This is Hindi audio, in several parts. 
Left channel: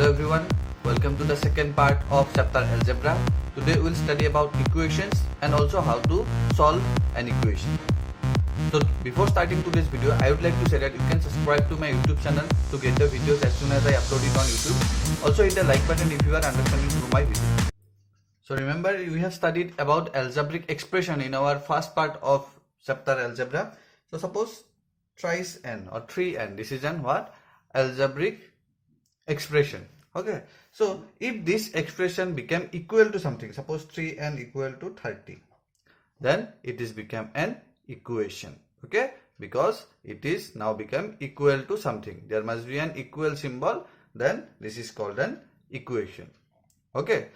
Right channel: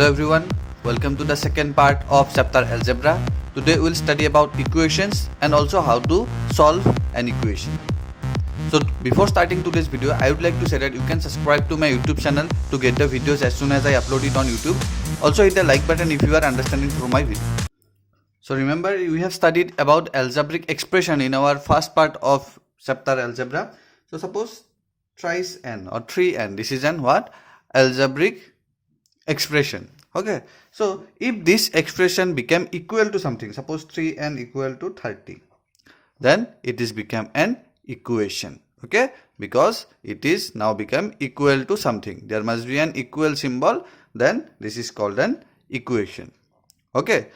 Hello everyone, welcome to the second part of chapter algebra. Today we will study about equations and also how to solve an equation. So before starting today's video, I would like to say that you can subscribe to my YouTube channel to get the videos as soon as I upload it on YouTube. Also hit the like button if you are understanding through my video. So remember, we have studied about algebraic expression in our first part of chapter algebra. So suppose thrice n or 3n, this is an what? Algebraic expression. Okay, so if this expression became equal to something, suppose 3n equal to 30, then it is become an equation. Okay, because it is now become equal to something, there must be an equal symbol, then this is called an equation. Okay,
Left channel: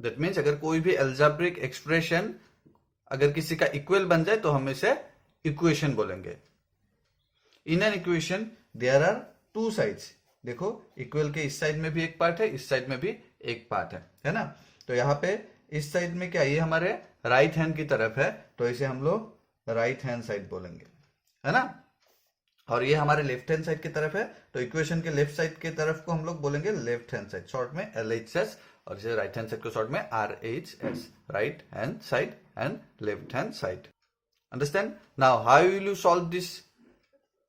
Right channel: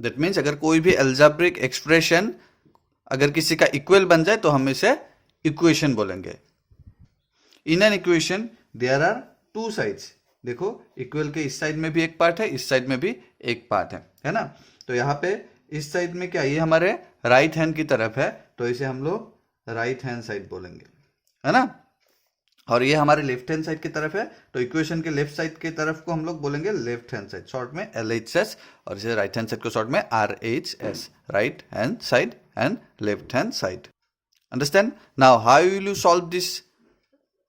that means अगर कोई भी algebraic expression अगर किसी का equal बन जाए तो हम इसे equation बोलेंगे. In an equation there are two sides. देखो इक्वल के इस साइड में भी एक पार्ट है, इस साइड में भी एक पार्ट है ना. तो यहाँ पे इस साइड में क्या, ये हमारे राइट हैंड की तरफ है, तो इसे हम लोग राइट हैंड साइड बोलेंगे, है ना. और ये हमारे लेफ्ट हैंड साइड की तरफ है, तो इक्वेशन के लेफ्ट साइड की तरफ को हम लोग बोलेंगे लेफ्ट हैंड साइड, शॉर्ट में LHS, और इसे राइट हैंड साइड को शॉर्ट में RHS, right hand side and left hand side. Understand. Now how will you solve this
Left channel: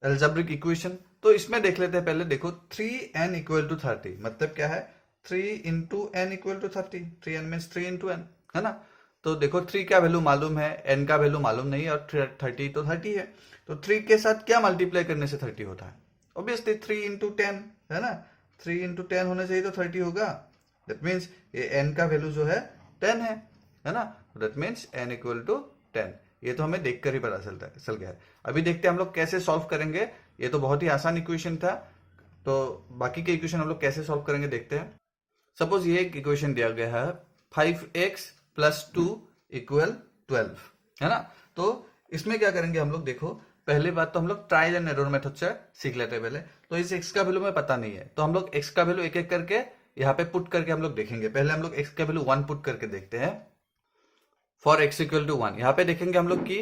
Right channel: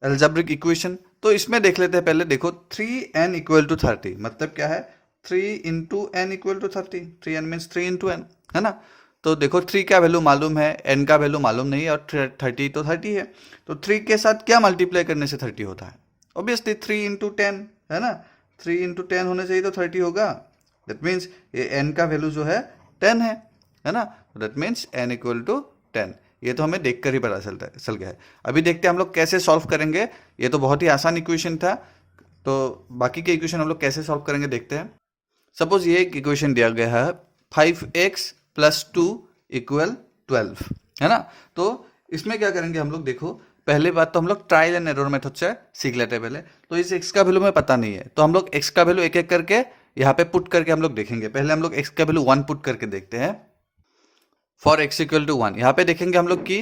algebraic equation? तो इसमें देख लेते हैं पहले. देखो 3n इक्वल टू 30 मतलब क्या है, 3 into n equal to 30. 3n means 3 into n, है ना. तो देखो 3 का वैल्यू मालूम है, n का वैल्यू मालूम नहीं है, और 30 तो 30 है. तो 3 के साथ क्या मल्टीप्लाई करने से 30 होता है? ऑब्वियसली 3 इंटू 10, है ना. 3 इंटू 10 होने चाहिए तो 30 होगा. दैट मीन्स ये n का वैल्यू जो है 10 है ना. That means n equal to 10. ये तो हमें देखकर ही पता चल गया है. अभी देखते हैं हम लोग कैसे सॉल्व करेंगे. ये तो बहुत ही आसान इक्वेशन था, तो बाकी के इक्वेशन हम लोग कैसे सॉल्व करेंगे देखते हैं. सपोज ये एक इक्वेशन दिया गया है 5x प्लस 2 इक्वल 12, है ना. तो इसमें क्या करेंगे हम लोग, देखो पहले बात तो हम लोग ट्रायल एंड एरर मेथड से सीख लेते हैं पहले. तो इस x का वैल्यू में पता नहीं है, तो हम लोग x का वैल्यू एक एक करके यहाँ पे पुट करके हम लोग देखेंगे. पहले हम लोग x का वैल्यू 1 पुट करके देखते हैं. फॉर x इक्वल टू 1 यहाँ पे देखेंगे हम लोग की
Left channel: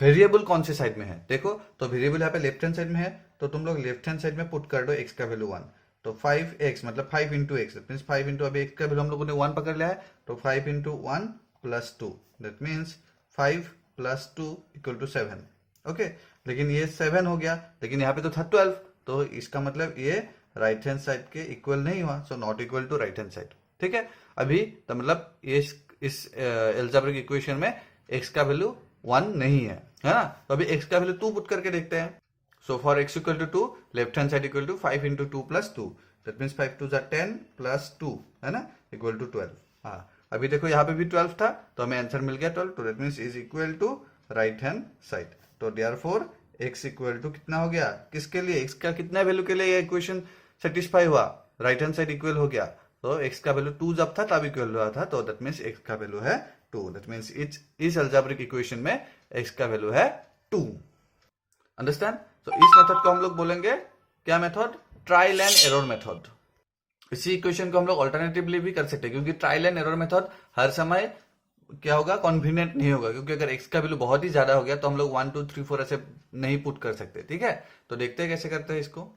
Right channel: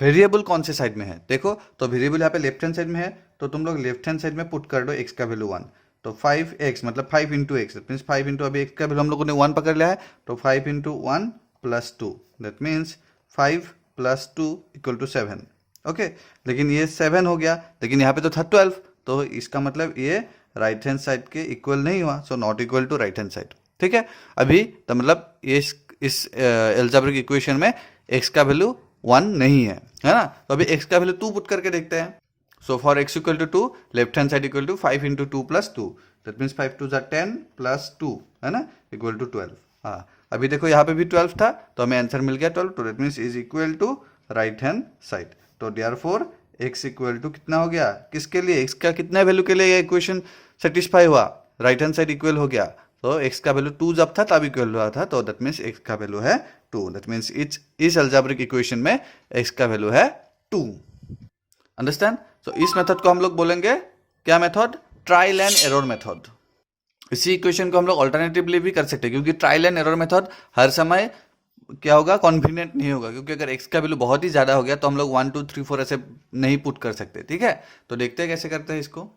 वेरिएबल कौन से साइड में है. देखो तो वेरिएबल यहाँ पे लेफ्ट हैंड साइड में है, तो तुम लोग लेफ्ट हैंड साइड में पुट कर दो x का वैल्यू 1. तो 5x मतलब 5 into x, that means 5 into, अभी x का वैल्यू हम लोगों ने 1 पकड़ लिया है, तो 5 into 1 plus 2, that means 5 plus 2 equal to 7. Okay, लेकिन ये 7 हो गया, लेकिन यहाँ पे तो था 12, तो इसका मतलब ये राइट हैंड साइड के इक्वल नहीं हुआ, so not equal to right hand side. ठीक है, अभी तो मतलब ये इस अलजेब्रिक इक्वेशन में x का वैल्यू 1 नहीं है ना. तो अभी x का वैल्यू 2 पुट करके देखते हैं. So for x equal to 2, left hand side equal to 5 into 2 plus 2, that means 5 2 10 plus 2, है ना, इक्वल टू 12. हाँ, अभी देखो यहाँ पे भी 12 था, तो हमें आंसर मिल गया 12, तो that means is equal to right hand side. तो देयरफॉर x इक्वल टू कितना हो गया, किसके लिए, x का कितना वैल्यू के लिए ये इक्वेशन सेटिस्फाई हुआ, राइट हैंड साइड इक्वल हो गया. तो x का वैल्यू 2 जब था तब इक्वल हुआ था, तो दैट मीन्स x का वैल्यू है 2. दैट मीन्स इस अलजेब्रिक इक्वेशन में x का वैल्यू है 2. अंडरस्टैंड. तो इस मेथड को हम लोग बोलेंगे क्या method, trial and error method. इसी इक्वेशन को हम लोग ऑल्टरनेटिवली भी कर सकते हैं, क्योंकि ट्रायल एंड एरर मेथड हर समय क्या होगा, कॉन्फिडेंट नहीं होगा, क्योंकि अगर x का वैल्यू बहुत ही ज्यादा हो गया तो हम लोग 1 2 3 4 ऐसे नहीं पुट कर सकते. ठीक है, तो देखते हैं कैसे करते हैं इसको.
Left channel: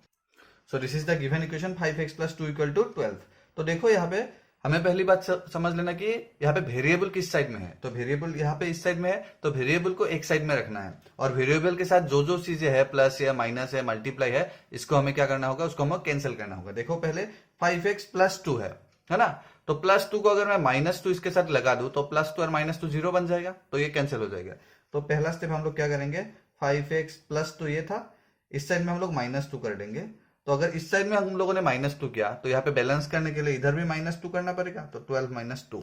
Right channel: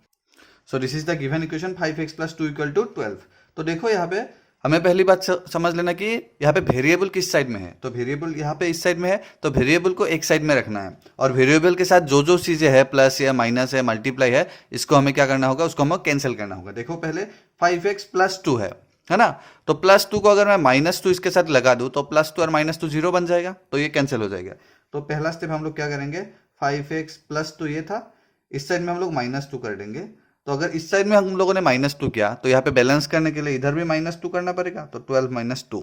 So this is the given equation 5x plus 2 equal to 12. तो देखो यहाँ पे हमें पहली बात समझ लेना कि यहाँ पे वेरिएबल किस साइड में है. तो वेरिएबल यहाँ पे इस साइड में है, तो वेरिएबल को एक साइड में रखना है, और वेरिएबल के साथ जो जो चीजें है, प्लस या माइनस है, मल्टीप्लाई है, इसको हमें क्या करना होगा, उसको हमें कैंसिल करना होगा. देखो पहले 5x प्लस 2 है ना. तो प्लस 2 को अगर मैं माइनस 2 इसके साथ लगा दूं तो प्लस 2 और माइनस 2 0 बन जाएगा, तो ये कैंसिल हो जाएगा. तो पहला स्टेप हम लोग क्या करेंगे, 5x प्लस 2 ये था, इस साइड में हम लोग माइनस 2 कर देंगे. तो अगर इस साइड में हम लोगों ने माइनस 2 किया, तो यहाँ पे बैलेंस करने के लिए इधर भी माइनस 2 करना पड़ेगा, तो 12 माइनस 2,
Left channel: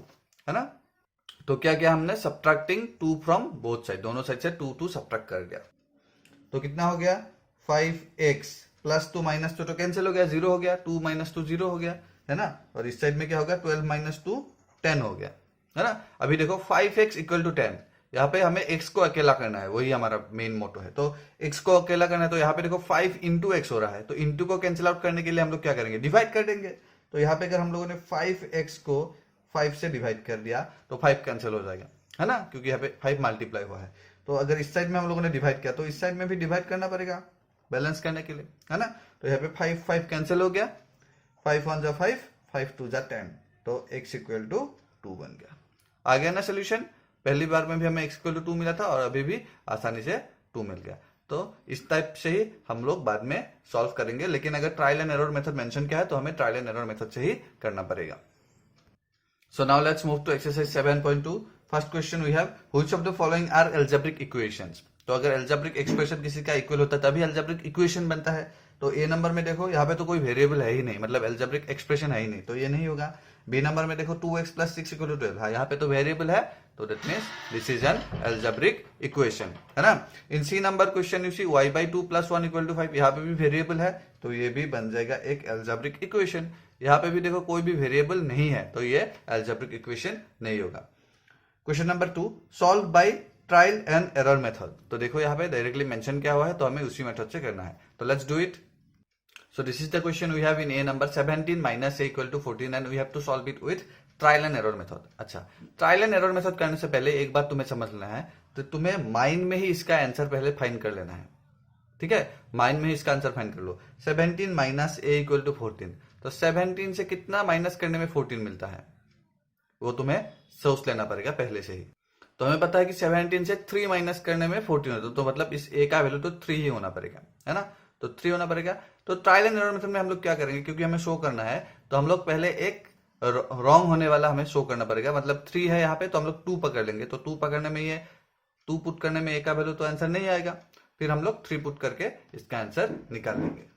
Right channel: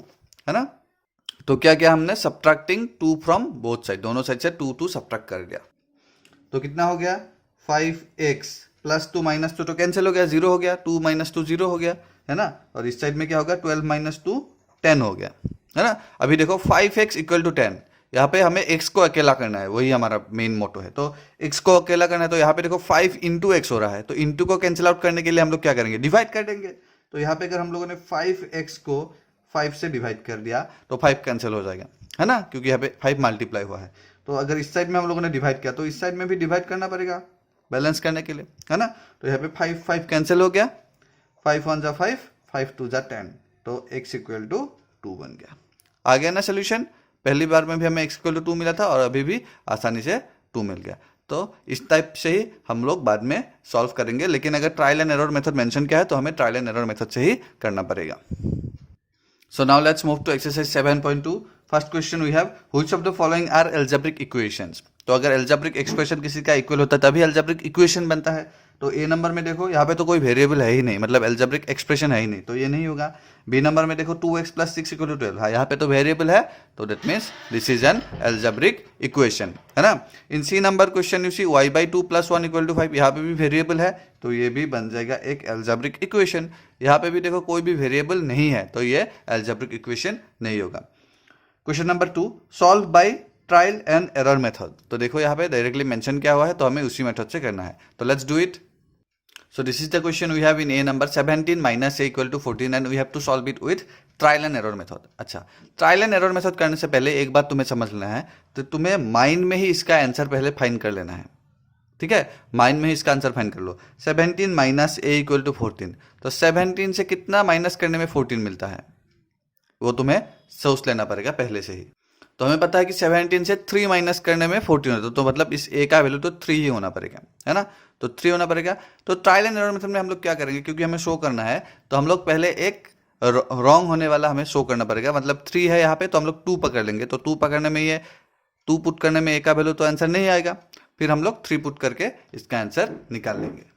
है ना. तो क्या किया हमने, सब्ट्रैक्टिंग 2 फ्रॉम बोथ साइड, दोनों साइड से 2 सब्ट्रैक्ट कर दिया. तो कितना हो गया, 5x प्लस 2 माइनस 2 तो कैंसिल हो गया, 0 हो गया, 2 माइनस 2 0 हो गया, है ना. और इस साइड में क्या होगा, 12 माइनस 2 10 हो गया, है ना. अभी देखो 5x इक्वल टू 10, यहाँ पे हमें x को अकेला करना है, वही हमारा मेन मोटो है. तो x को अकेला करना है, तो यहाँ पे देखो 5 इंटू एक्स हो रहा है, तो इंटू को कैंसिल आउट करने के लिए हम लोग क्या करेंगे, डिवाइड कर देंगे. तो यहाँ पे अगर हम लोगों ने 5x को 5 से डिवाइड कर दिया तो 5 कैंसिल हो जाएगा, है ना, क्योंकि यहाँ पे 5 मल्टीप्लाई हुआ है. तो अगर इस साइड में हम लोगों ने डिवाइड किया तो इस साइड में भी डिवाइड करना पड़ेगा, बैलेंस करने के लिए, है ना। तो यहाँ पे 5 5 कैंसिल हो गया, 5 1 जा 5, 5 2 जा 10, तो x इक्वल टू 2 बन गया। आ गया ना सोल्यूशन। पहली बार में भी हमें x इक्वल टू 2 मिला था और अभी भी आसानी से 2 मिल गया। तो इस टाइप से ही हम लोग बाद में सॉल्व करेंगे, लेकिन अगर trial and error method mention किया है तो हमें ट्रायल एंड एरर मेथड से ही करना पड़ेगा। So now let's move to exercise 7.2. First question we have, which of the following are algebraic equations? तो अगर algebraic expression किसी का इक्वल होता है तभी algebraic equation बनता है। तो ए नंबर में देखो यहाँ पे तो कोई वेरिएबल है ही नहीं, मतलब algebraic expression है ही नहीं, तो ये नहीं होगा। बी नंबर में देखो 2x + 6 = 12, हाँ यहाँ पे तो वेरिएबल है, तो that means this is an algebraic equation, है ना। In C number question you see y/2 + 1 = 5, यहाँ पे भी वेरिएबल है, तो ये भी बन जाएगा एक algebraic equation। यहाँ पे भी देखो कोई भी वेरिएबल नहीं है, तो ये algebraic equation नहीं होगा। Question number 2, solve by trial and error method. तो देखो यहाँ पे डायरेक्टली मेंशन किया हुआ है, तो हमें उसी मेथड से करना है, तो let's do it. So this is the question we have in A number 17 minus A equal to 14 and we have to solve it with trial and error method। अच्छा, ट्रायल एंड एरर मेथड करने से पहले एक बात तुम्हें समझ लेना है, तो तुम्हें माइंड में ही इसका आंसर पहले फाइंड कर लेना है, ठीक है। माइंड में ही इसका आंसर फाइंड कर लो। 17 माइनस A इक्वल टू 14, तो 17 से कितना माइनस करने में 14 मिलता है, वो तुम्हें सोच लेना पड़ेगा पहले से ही। तो हमें पता है कि 17 से 3 माइनस करने में 14 होता है, तो मतलब इस A का वैल्यू तो 3 ही होना पड़ेगा, है ना, तो 3 होना पड़ेगा। तो ट्रायल एंड एरर मेथड में हम लोग क्या करेंगे, क्योंकि हमें शो करना है, तो हम लोग पहले एक रॉन्ग होने वाला हमें शो करना पड़ेगा, मतलब 3 है यहाँ पे, तो हम लोग 2 पकड़ लेंगे, तो 2 पकड़ने में ये 2 पुट करने में A का वैल्यू तो आंसर नहीं आएगा, फिर हम लोग 3 पुट करके इसका आंसर निकाल लेंगे।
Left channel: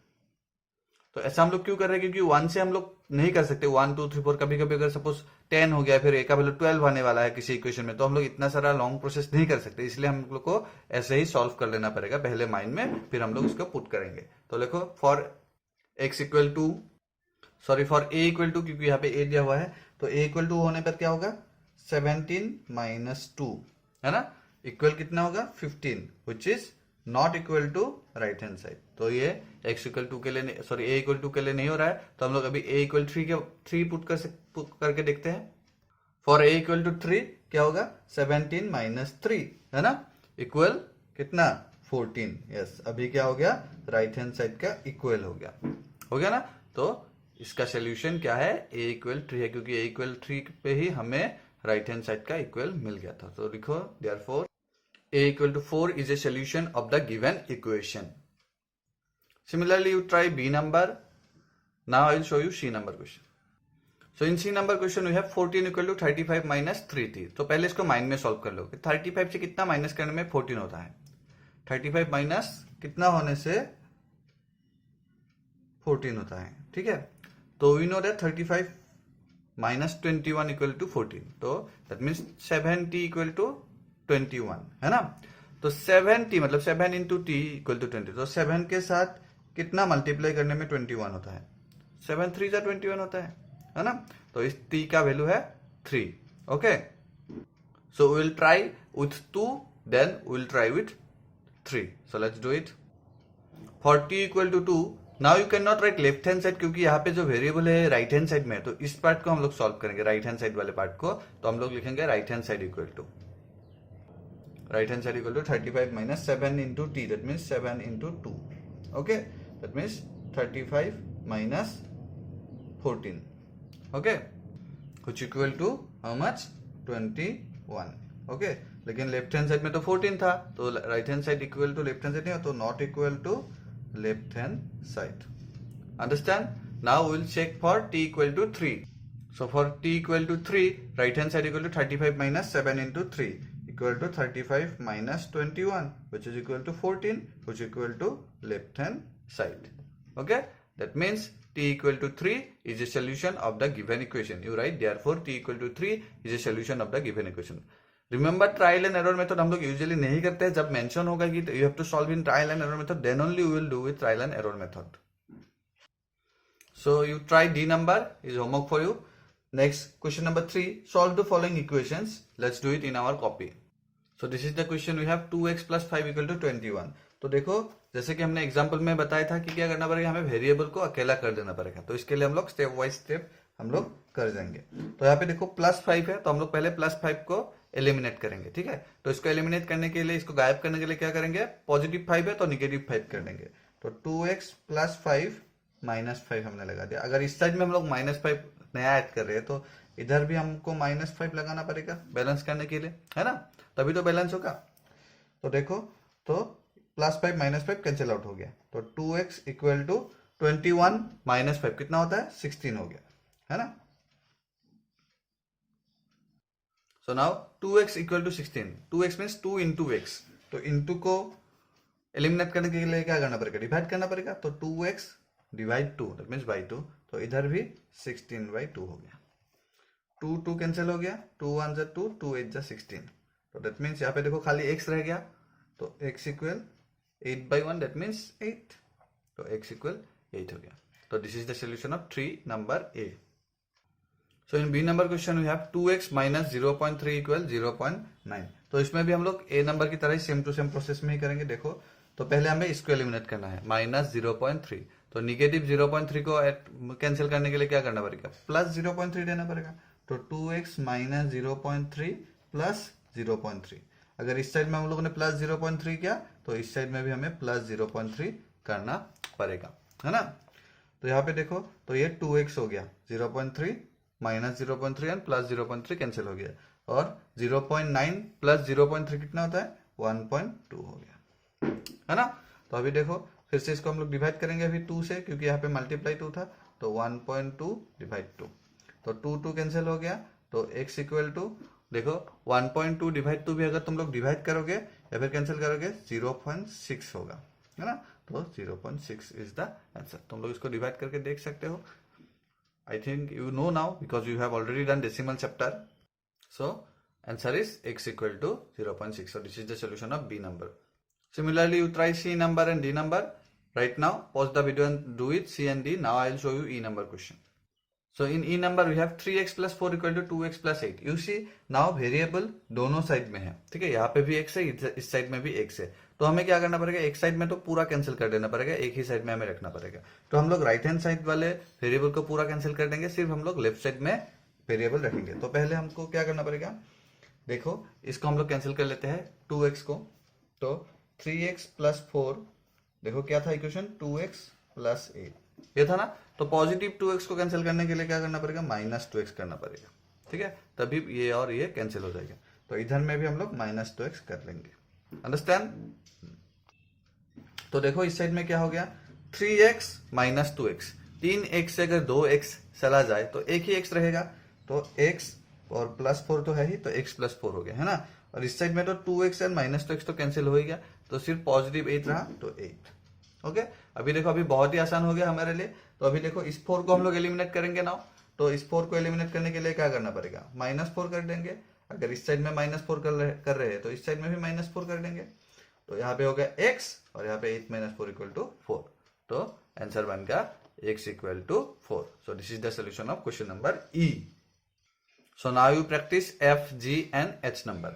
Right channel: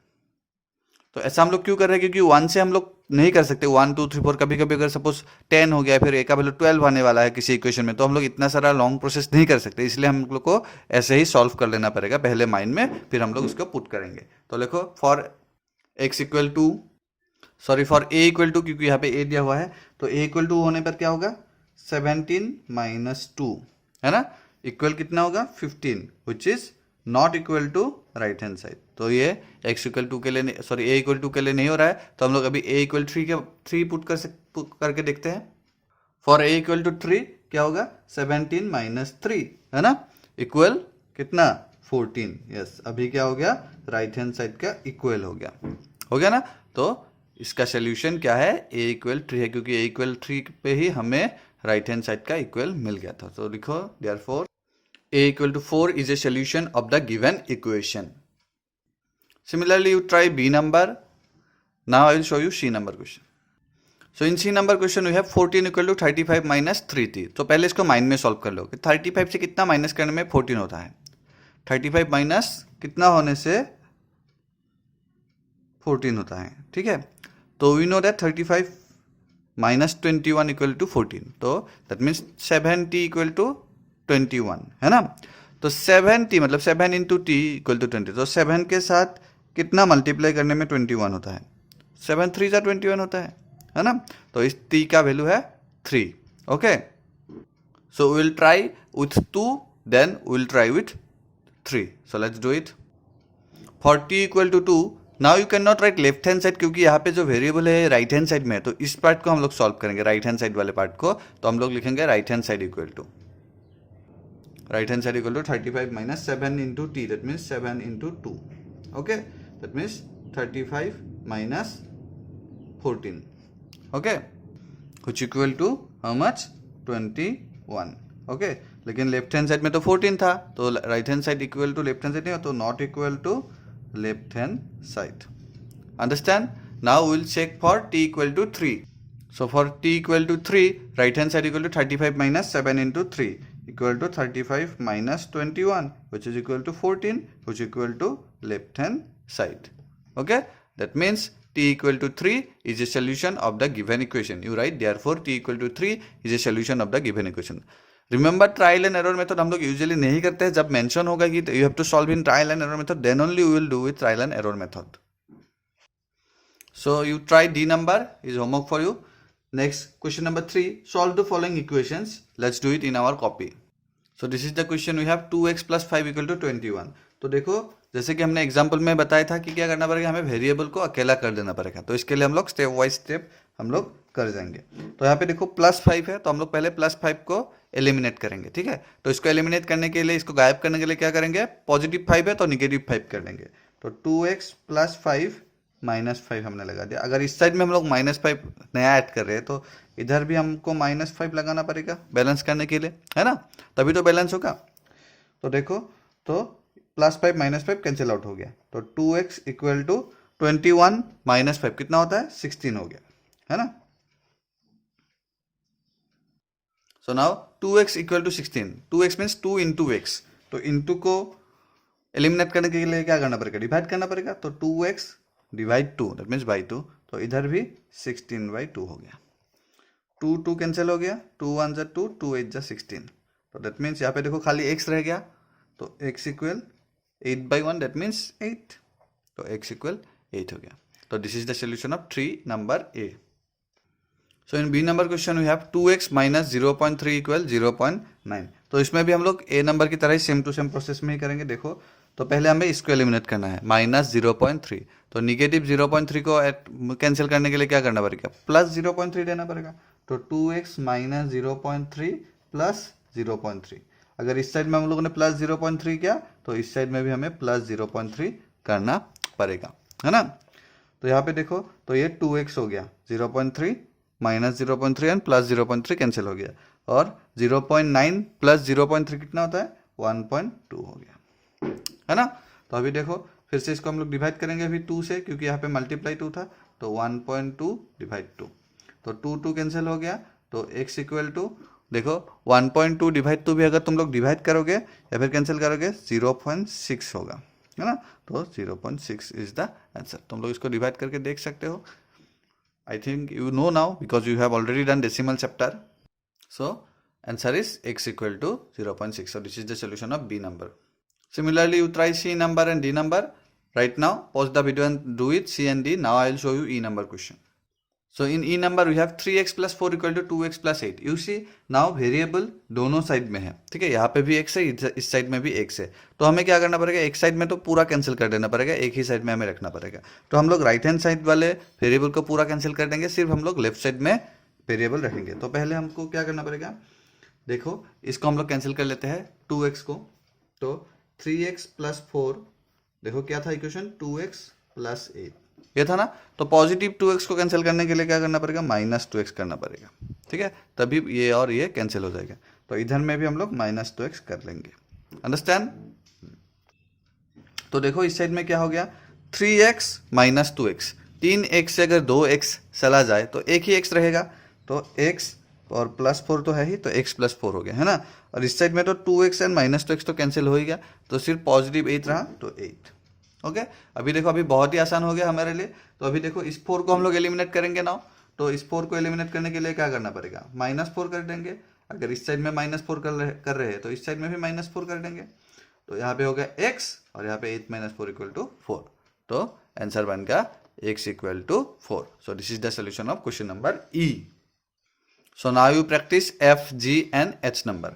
तो ऐसा हम लोग क्यों कर रहे हैं, क्योंकि 1 से हम लोग नहीं कर सकते, 1 2 3 4, कभी कभी अगर सपोज 10 हो गया, फिर A का वैल्यू 12 आने वाला है किसी इक्वेशन में, तो हम लोग इतना सारा लॉन्ग प्रोसेस नहीं कर सकते, इसलिए हम लोग को ऐसे ही सॉल्व कर लेना पड़ेगा पहले माइंड में, फिर हम लोग इसको पुट करेंगे। तो देखो for x equal to, sorry for A equal to, क्योंकि यहाँ पे A दिया हुआ है, तो A इक्वल टू होने पर क्या होगा, 17 माइनस 2, है ना, इक्वल कितना होगा 15, which is not equal to right hand side. तो ये x इक्वल टू के लिए, सॉरी A इक्वल टू के लिए नहीं हो रहा है, तो हम लोग अभी A इक्वल 3 पुट करके देखते हैं। फॉर A इक्वल टू 3 क्या होगा, 17 माइनस 3, है ना, इक्वल कितना 14। यस, अभी क्या हो गया, राइट हैंड साइड का इक्वल हो गया ना। तो इसका सोल्यूशन क्या है, A इक्वल 3 है, क्योंकि A इक्वल 3 पे ही हमें राइट हैंड साइड का इक्वल मिल गया था। तो लिखो therefore A equal to 4 is a solution of the given equation. Similarly, you try B number. Now I will show you C number question. So in C number question we have 14 equal to 35 minus 3t. तो पहले इसको माइंड में सॉल्व कर लो कि 35 से कितना माइनस करने में 14 होता है, 35 माइनस कितना होने से 14 होता है, ठीक है। तो we know that 35 minus 21 equal to 14, तो that means 7t equal to 21, है ना। तो 7t मतलब 7 इंटू टी इक्वल टू 20, तो 7 के साथ कितना मल्टीप्लाई करने में 21 होता है, 7 3 जा 21 होता है ना। तो इस t का वैल्यू है 3, okay. So we will try with 2, then we will try with 3। So let's do it. For t equal to 2, now you can not write left hand side, क्योंकि यहाँ पे जो वेरिएबल है राइट हैंड साइड में है, तो इस पार्ट को हम लोग सॉल्व करेंगे, राइट हैंड साइड वाले पार्ट को। तो हम लोग लिखेंगे right hand side equal to 35 minus 7 into t, that means 7 into 2, okay, that means 35 minus 14, okay, which equal to how much, 21, okay। लेकिन लेफ्ट हैंड साइड में तो 14 था, तो right hand side equal to left hand side नहीं हो, तो not equal to left hand side, understand. Now will check for t equal to 3। So for t equal to 3, right hand side equal to 35 minus 7 into 3 equal to 35 minus 21, which is equal to 14, which is equal to left hand side, okay। That means t equal to 3 is a solution of the given equation. You write therefore t equal to 3 is a solution of the given equation. Remember trial and error method हम लोग usually नहीं करते हैं, जब mention होगा कि you have to solve in trial and error method, then only we will do with trial and error method. So you try D number, is homework for you. Next question number 3, solve the following equations. Let's do it in our copy. So this is the question we have 2x plus 5 equal to 21. तो देखो जैसे कि हमने एग्जाम्पल में बताया था कि क्या करना पड़ेगा, हमें वेरिएबल को अकेला कर देना पड़ेगा, तो इसके लिए हम लोग स्टेप वाइज स्टेप हम लोग कर जाएंगे। तो यहाँ पे देखो +5 है, तो हम लोग पहले +5 को एलिमिनेट करेंगे, ठीक है। तो इसको एलिमिनेट करने के लिए, इसको गायब करने के लिए क्या करेंगे, +5 है तो -5 कर देंगे, तो 2x प्लस 5 माइनस 5 हमने लगा दिया। अगर इस साइड में हम लोग -5 नया ऐड कर रहे हैं तो इधर भी हमको -5 लगाना पड़ेगा बैलेंस करने के लिए, है ना, तभी तो बैलेंस होगा। तो देखो, तो +5 -5 कैंसिल आउट हो गया, तो 2x इक्वल टू 21 -5 कितना होता है, 16 हो गया, है ना। So now 2x equal to 16, 2x means 2 into x, तो इंटू को एलिमिनेट करने के लिए क्या करना पड़ेगा, डिवाइड करना पड़ेगा। तो 2x divide 2 that means by 2, तो इधर भी 16/2 हो गया। 2 कैंसिल हो गया, 2 1 जा 2, 2 8 जा 16, तो दैट मीन्स यहाँ पे देखो खाली x रह गया, तो x इक्वल 8/1 दैट मीन्स 8, तो x इक्वल 8 हो गया। तो this is the solution of 3 number A. So in B number question we have 2x minus 0.3 equal 0.9। तो इसमें भी हम लोग ए नंबर की तरह ही सेम टू सेम प्रोसेस में ही करेंगे। देखो, तो पहले हमें इसको एलिमिनेट करना है, -0.3, तो निगेटिव 0.3 को कैंसिल करने के लिए क्या करना पड़ेगा, +0.3 देना पड़ेगा। तो 2x माइनस 0.3 प्लस 0.3, अगर इस साइड में हम लोगों ने +0.3 किया तो इस साइड में भी हमें +0.3 करना पड़ेगा, है ना। तो यहाँ पे देखो, तो ये 2x हो गया, 0.3 -0.3 एंड +0.3 कैंसिल हो गया, और 0.9 प्लस 0.3 कितना होता है, 1.2 हो गया, है ना। तो अभी देखो फिर से इसको हम लोग डिवाइड करेंगे अभी 2 से, क्योंकि यहाँ पे मल्टीप्लाई 2 था, तो 1.2 डिवाइड 2, तो 2 कैंसिल हो गया। तो x इक्वल टू देखो 1.2 डिवाइड 2 भी अगर तुम लोग डिवाइड करोगे या फिर कैंसिल करोगे 0.6 होगा, है ना। तो 0.6 इज द आंसर। तुम लोग इसको डिवाइड करके देख सकते हो। I think you know now because you have already done decimal chapter. So answer is x equal to 0.6. So this is the solution of B number. Similarly, you try C number and D number. Right now, pause the video and do it C and D. Now I will show you E number question. So in E number we have 3x plus 4 equal to 2x plus 8. You see now variable दोनों साइड में है, ठीक है, यहाँ पे भी x है, इस साइड में भी x है। तो हमें क्या करना पड़ेगा, एक साइड में तो पूरा कैंसिल कर देना पड़ेगा, एक ही साइड में हमें रखना पड़ेगा। तो हम लोग राइट हैंड साइड वाले वेरिएबल को पूरा कैंसिल कर देंगे, सिर्फ हम लोग लेफ्ट साइड में वेरिएबल रखेंगे। तो पहले हमको क्या करना पड़ेगा, देखो इसको हम लोग कैंसिल कर लेते हैं 2x को, तो 3x प्लस 4, देखो क्या था इक्वेशन, 2x प्लस 8 ये था ना। तो पॉजिटिव 2x को कैंसिल करने के लिए क्या करना पड़ेगा, -2x करना पड़ेगा, ठीक है, तभी ये और ये कैंसिल हो जाएगा। तो इधर में भी हम लोग -2x कर लेंगे, अंडरस्टैंड। तो देखो इस साइड में क्या हो गया, 3x माइनस 2x, 3x से अगर 2x चला जाए तो एक ही x रहेगा, तो x और +4 तो है ही, तो x + 4 हो गया, है ना। और इस साइड में तो 2x एंड -2x तो कैंसिल हो ही गया, तो सिर्फ पॉजिटिव 8 रहा, तो 8। ओके, अभी देखो अभी बहुत ही आसान हो गया हमारे लिए। तो अभी देखो इस 4 को हम लोग एलिमिनेट करेंगे ना, तो इस 4 को एलिमिनेट करने के लिए क्या करना पड़ेगा, -4 कर देंगे। अगर इस साइड में -4 कर रहे हैं तो इस साइड में भी -4 कर देंगे। तो यहाँ पे हो गया x और यहाँ पे 8 - 4 = 4, तो आंसर बन गया x = 4। So this is the solution of question number E. So now you practice F, G and H number.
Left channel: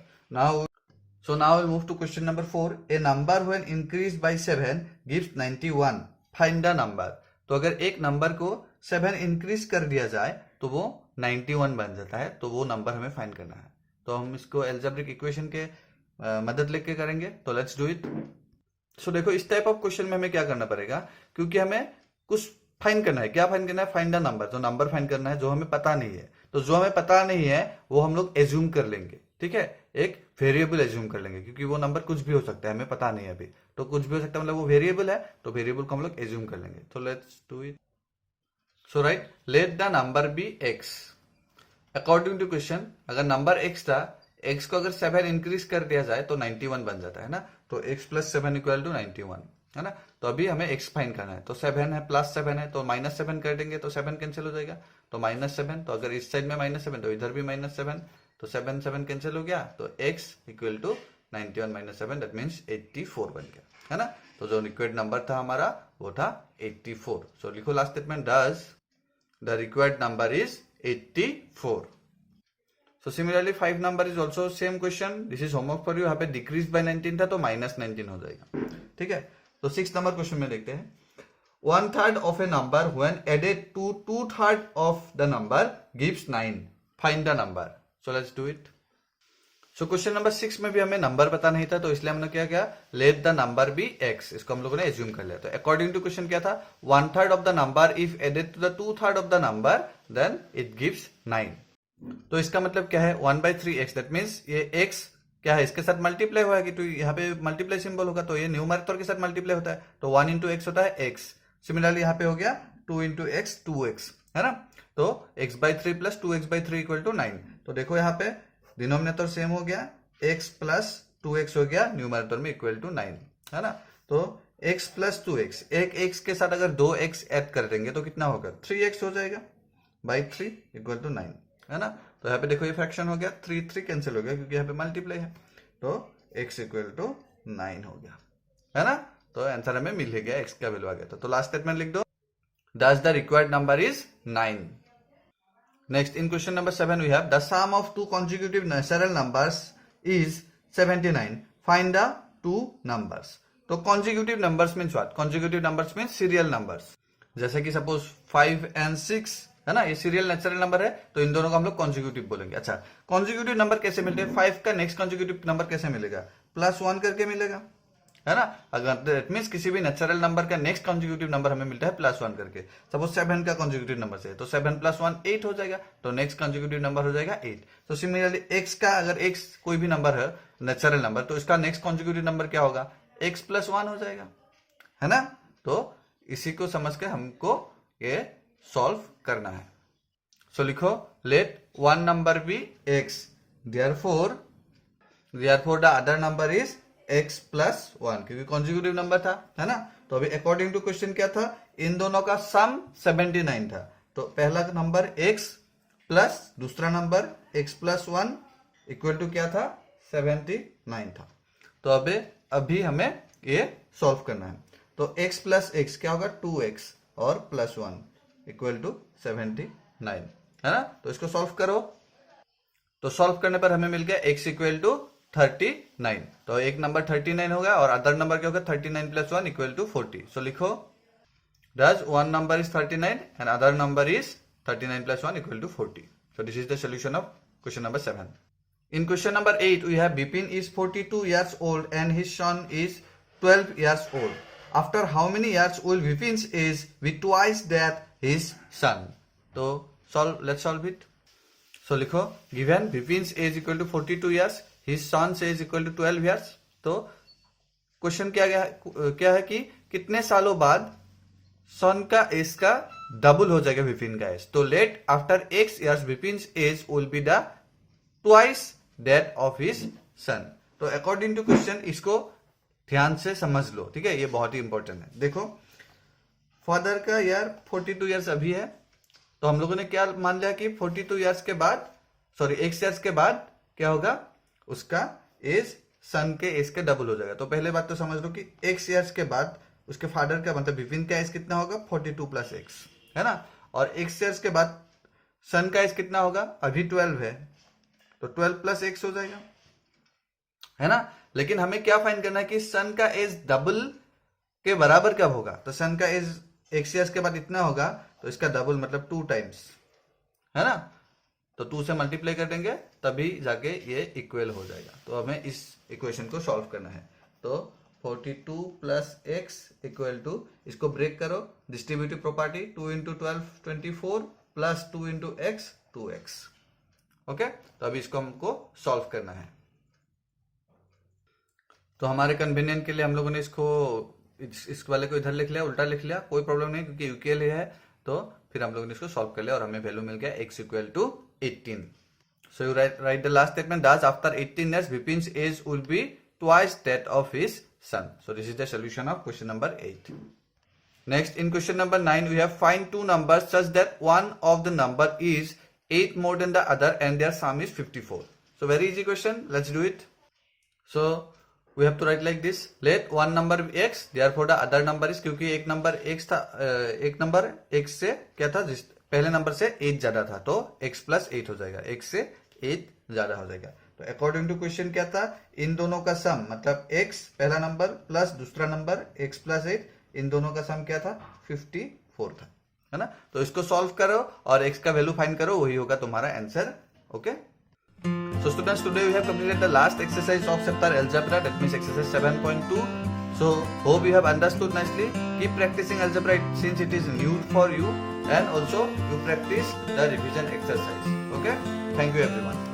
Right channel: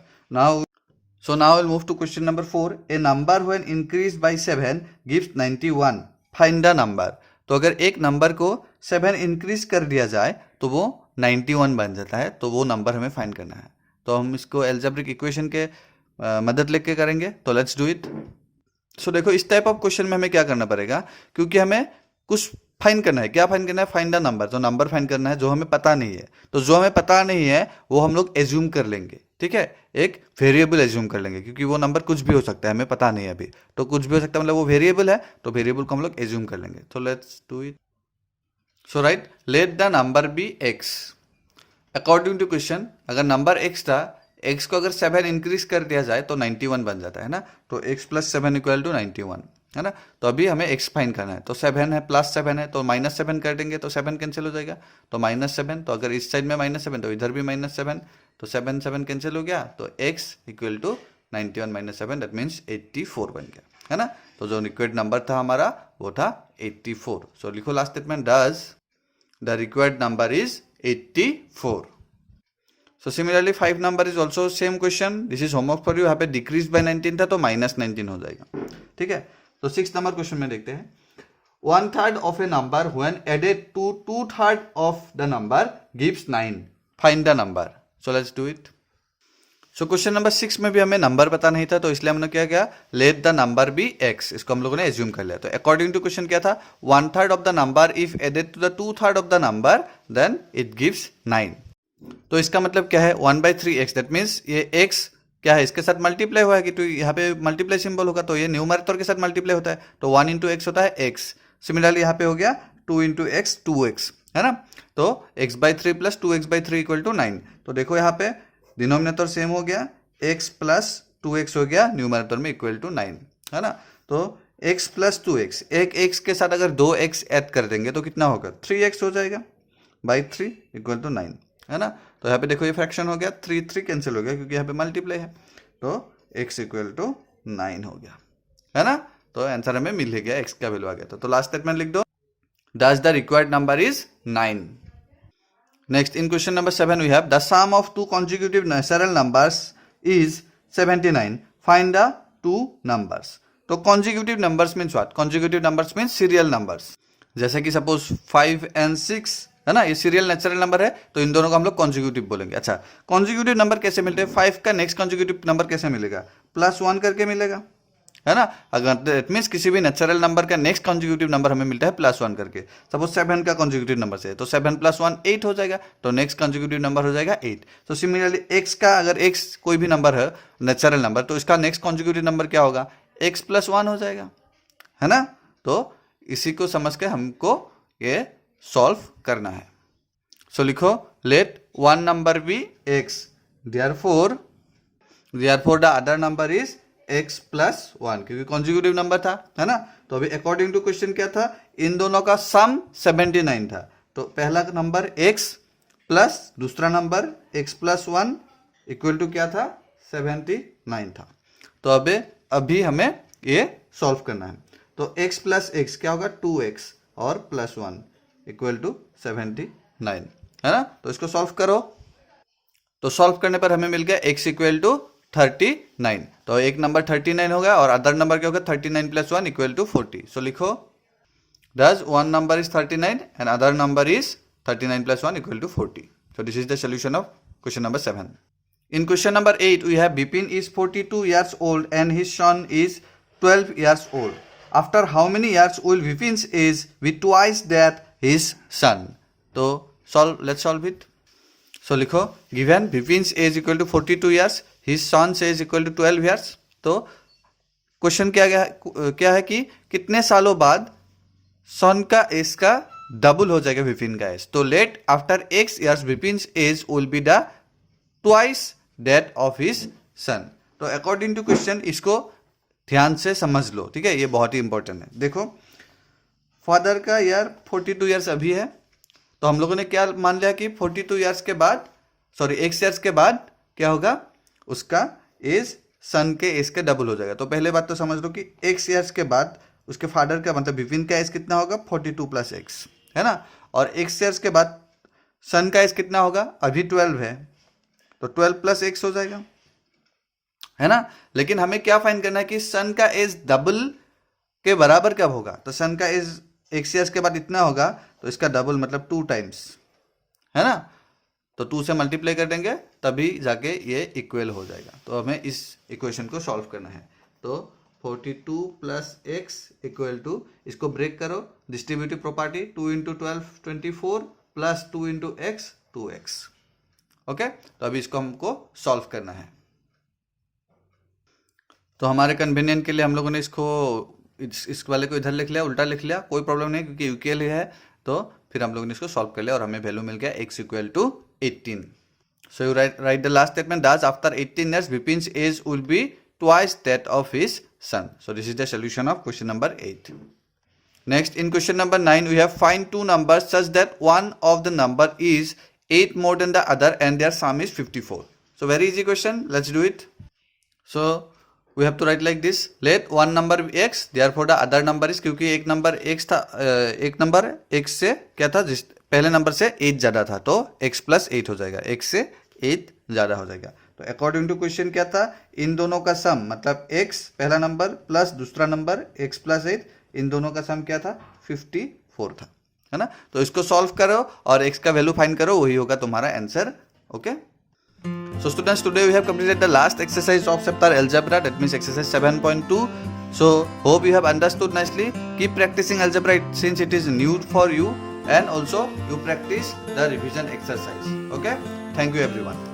So now we'll move to question number 4. A number when increased by 7 gives 91. Find the number. तो अगर एक नंबर को 7 इंक्रीज कर दिया जाए तो वो 91 बन जाता है, तो वो नंबर हमें फाइंड करना है। तो हम इसको एल्जेब्रिक इक्वेशन के मदद लेके करेंगे, तो लेट्स डू इट। सो देखो इस टाइप ऑफ क्वेश्चन में हमें क्या करना पड़ेगा, क्योंकि हमें कुछ फाइंड करना है। क्या फाइंड करना है, फाइंड द नंबर, तो नंबर फाइंड करना है जो हमें पता नहीं है। तो जो हमें पता नहीं है वो हम लोग एज्यूम कर लेंगे, ठीक है, एक वेरिएबल एज्यूम कर लेंगे, क्योंकि वो नंबर कुछ भी हो सकता है, हमें पता नहीं है अभी, तो कुछ भी हो सकता है, मतलब वो वेरिएबल है, तो वेरिएबल को हम लोग एज्यूम कर लेंगे। तो let's do it. So right, let the number be x। According to question अगर नंबर x था, x को अगर 7 इंक्रीज कर दिया जाए तो 91 बन जाता है ना। तो x + 7 = 91, है ना। तो अभी हमें x फाइंड करना है, तो 7 है +7 है, तो -7 कर देंगे तो 7 कैंसिल हो जाएगा, तो -7। तो अगर इस साइड में -7 तो इधर भी -7, तो 7 कैंसिल हो गया, तो x = 91 - 7 दैट मीन्स 84 बन गया, है ना। तो जो रिक्वायर्ड नंबर था हमारा वो था 84। सो लिखो last statement, does the required number is 84। So similarly 5 number is also same question. This is homework for you. यहाँ पे decreased by 19 था तो -19 हो जाएगा, ठीक है। तो 6 नंबर क्वेश्चन में देखते हैं, 1/3 of a number when added to 2/3 of the number gives 9. Find the number. So let's do it. So question number 6 में भी हमें नंबर पता नहीं था, तो इसलिए हमने क्या किया, let the number be x, इसको हम लोगों ने एज्यूम कर लिया। तो अकॉर्डिंग टू क्वेश्चन क्या था, 1/3 of the number if added to the 2/3 of the number then it gives 9। तो इसका मतलब क्या है, 1/3x, दैट मीन्स ये x क्या है, इसके साथ मल्टीप्लाई हुआ है कि, तो यहाँ पे मल्टीप्लाई सिंबल होगा, तो ये न्यूमरेटर के साथ मल्टीप्लाई होता है, तो 1 इंटू एक्स होता है x। सिमिलरली यहाँ पे हो गया 2 इंटू एक्स 2x, है ना। तो x/3 plus 2x/3 equal to 9। तो देखो यहाँ पे डिनोमिनेटर सेम हो गया, x प्लस 2x हो गया न्यूमरेटर में इक्वल टू 9, है ना। तो x प्लस 2x, एक x के साथ अगर 2x ऐड कर देंगे तो कितना होगा, 3x हो जाएगा बाई 3 इक्वल टू 9, है ना। तो यहाँ पे देखो ये फ्रैक्शन हो गया, 3 कैंसिल हो गया क्योंकि यहाँ पे मल्टीप्लाई है, तो x इक्वल टू 9 हो गया, है ना। तो आंसर हमें मिल ही गया, x का वैल्यू आ गया। तो लास्ट स्टेटमेंट लिख दो, thus the required number is 9. Next, in question number 7 we have the sum of two consecutive natural numbers is 79. Find the two numbers. तो consecutive numbers means what? Consecutive numbers means serial numbers. जैसे कि सपोज 5 and 6 है ना, ये सीरियल नेचुरल नंबर है, तो इन दोनों को हम लोग कॉन्जिक्यूटिव बोलेंगे। अच्छा, कॉन्जिक्यूटिव नंबर कैसे मिलते हैं, 5 का नेक्स्ट कॉन्जिक्यूटिव नंबर कैसे मिलेगा, +1 करके मिलेगा, है ना। अगर दैट मीन्स किसी भी नेचुरल नंबर का नेक्स्ट कॉन्जिक्यूटिव नंबर हमें मिलता है +1 करके। सपोज 7 का कॉन्जिक्यूटिव नंबर से, तो 7 + 1 8 हो जाएगा, तो नेक्स्ट कॉन्जिक्यूटिव नंबर हो जाएगा 8। तो सिमिलरली x का, अगर x कोई भी नंबर है नेचुरल नंबर, तो इसका नेक्स्ट कॉन्जिक्यूटिव नंबर क्या होगा, x + 1 हो जाएगा, है ना। तो इसी को समझ के हमको ये सॉल्व करना है। सो लिखो, let one number be x, therefore the other number is x + 1, क्योंकि कॉन्जिक्यूटिव नंबर था, है ना। तो अभी अकॉर्डिंग टू क्वेश्चन क्या था, इन दोनों का सम 79 था, तो पहला नंबर x प्लस दूसरा नंबर x + 1 इक्वल टू क्या था, 79 था। तो अभी हमें ये सॉल्व करना है। तो x + x क्या होगा, 2x और +1 इक्वल टू 79, है ना। तो इसको सॉल्व करो, तो सॉल्व करने पर हमें मिल गया x इक्वल टू 39। तो एक नंबर 39 हो गया और अदर नंबर क्या होगा, 39 + 1 इक्वल टू 40। सो लिखो, does one number is 39 and other number is 39 + 1 equal to 40. So this is the solution of question number 7. In question number 8 we have Bipin is 42 years old and his son is 12 years old. After how many years will Bipin's age be twice that his son? तो let's solve it. So लिखो, given Bipin's age equal to 42 years, his son's age equal to 12 years. तो क्वेश्चन क्या है कि कितने सालों बाद सन का एज का डबल हो जाएगा विपिन का एज। तो let after x years Vipin's age will be the twice that of his son. तो अकॉर्डिंग टू क्वेश्चन इसको ध्यान से समझ लो, ठीक है, ये बहुत ही इंपॉर्टेंट है। देखो, फादर का ईयर 42 ईयर्स अभी है, तो हम लोगों ने क्या मान लिया कि 42 ईयर्स के बाद, सॉरी x ईयर्स के बाद क्या होगा, उसका एज सन के एज के डबल हो जाएगा। तो पहले बात तो समझ लो कि x ईयर्स के बाद उसके फादर का मतलब विपिन का एज कितना होगा, 42 + x, है ना। और x ईयर्स के बाद सन का एज कितना होगा, अभी 12 है, तो 12 + x हो जाएगा, है ना। लेकिन हमें क्या फाइंड करना है कि सन का एज डबल के बराबर कब होगा। तो सन का एज x ईयर्स के बाद इतना होगा, तो इसका डबल मतलब 2 टाइम्स, है ना। तो 2 से मल्टीप्लाई कर देंगे तभी जाके ये इक्वल हो जाएगा। तो हमें इस इक्वेशन को सॉल्व करना है। तो 42 + x इक्वल टू, इसको ब्रेक करो, distributive property, 2 × 12 24 plus 2 × x 2x। Okay, तो अभी इसको हमको सॉल्व करना है। तो हमारे कन्वीनियंट के लिए हम लोगों ने इसको इस वाले को इधर लिख लिया, उल्टा लिख लिया, कोई प्रॉब्लम नहीं क्योंकि यूकेएल है। तो फिर हम लोगों ने इसको सॉल्व कर लिया और हमें वैल्यू मिल गया x = 18। So you right the last statement, does after 18 years Bipin's age will be twice that of his son. So this is the solution of question number 8. Next, in question number 9 we have find two numbers such that one of the number is 8 more than the other and their sum is 54. So very easy question, let's do it. So we have to write like this, let one number be x, therefore the other number is, क्योंकि एक नंबर x था, एक नंबर x से क्या था, जिस पहले नंबर से 8 ज्यादा था, तो x + 8 हो जाएगा, x से 8 ज्यादा हो जाएगा। तो अकॉर्डिंग टू क्वेश्चन क्या था, इन दोनों का सम मतलब x पहला नंबर प्लस दूसरा नंबर x + 8, इन दोनों का सम क्या था, 54 था, है ना। तो इसको सॉल्व करो और x का वैल्यू फाइंड करो, वही होगा तुम्हारा answer. Okay. So students, today we have completed the last exercise of chapter algebra, that means exercise 7.2. So hope you have understood nicely. Keep practicing algebra since it is new for you, and also you practice the revision exercise. Okay, thank you everyone.